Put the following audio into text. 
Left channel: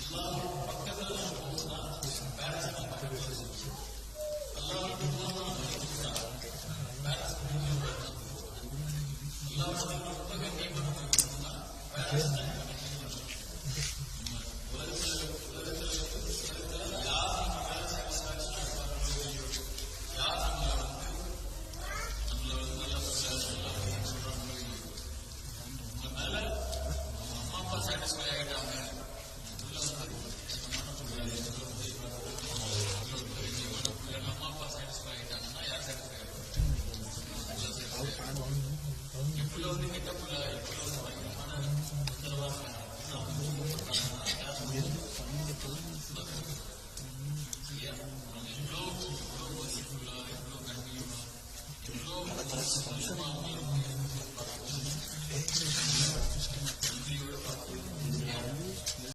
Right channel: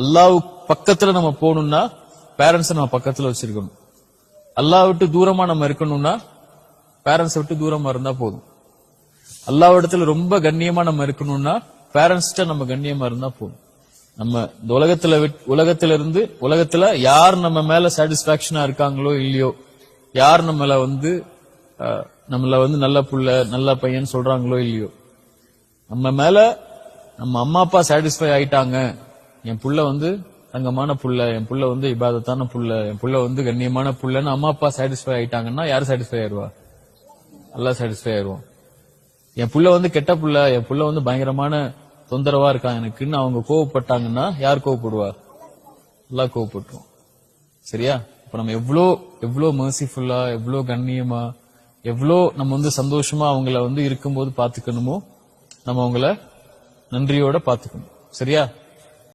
அல்லாஹ் பக்கத்துல நம்ம போகணும்னா பேரண்ட்ஸ் நம்ம பக்கத்துல வச்சிருக்கணும். அல்லாஹ் விட்டு தூரமா நம்ம இருக்கணும்னா பேரண்ட்ஸ் விட்டு தூரமா இருந்தா போதும். அல்லாஹ் இடத்துல ரொம்ப கண்ணியமா நம்ம இருக்கணும்னா பேரண்ட்ஸ்ட நம்ம கண்ணியமா இருந்தா போதும். நம்ம இந்த உலகத்துல யார் நம்ம மேல சாட்டிஸ்பாக்சனா இருக்காங்களோ இல்லையோ, யார் நம்மள நல்ல புள்ள நல்ல பையன் சொல்றாங்களோ இல்லையோ, நம்ம மேல நம்ம அம்மா அப்பா சாட்டிஸ்பை ஆயிட்டாங்க, என் புள்ள தங்கமான புள்ள, என் புள்ள இபாதத்தான புள்ள, என் புள்ள கண்ணியமான புள்ளன்னு அம்மா அப்பா சாட்டிஸ்பை ஆயிட்டாங்கன்னா யார் சாட்டிஸ்பை ஆயிடுவா? அல்லாஹ் சாட்டிஸ்பை ஆயிடுவோம். என் புள்ள கெட்ட புள்ள, என் புள்ள பயங்கரமான தொந்தரவா இருக்கான் எனக்குன்னு அவங்க கோவப்பட்டாங்கன்னா யார் கோவப்படுவா? அல்லாஹ் கோவப்பட்டுரும். சரியா? இப்ப நம்ம எவ்வளோ மர்சிஃபுல்லா, எவ்வளோ கண்ணியமா, எவ்வளோ நம்ம சந்தோஷமா அவங்கள இருக்கும்போது பாத்துக்கணுமோ நம்ம அவங்கள நன்றியோட பாத்துக்கணும். சரியா?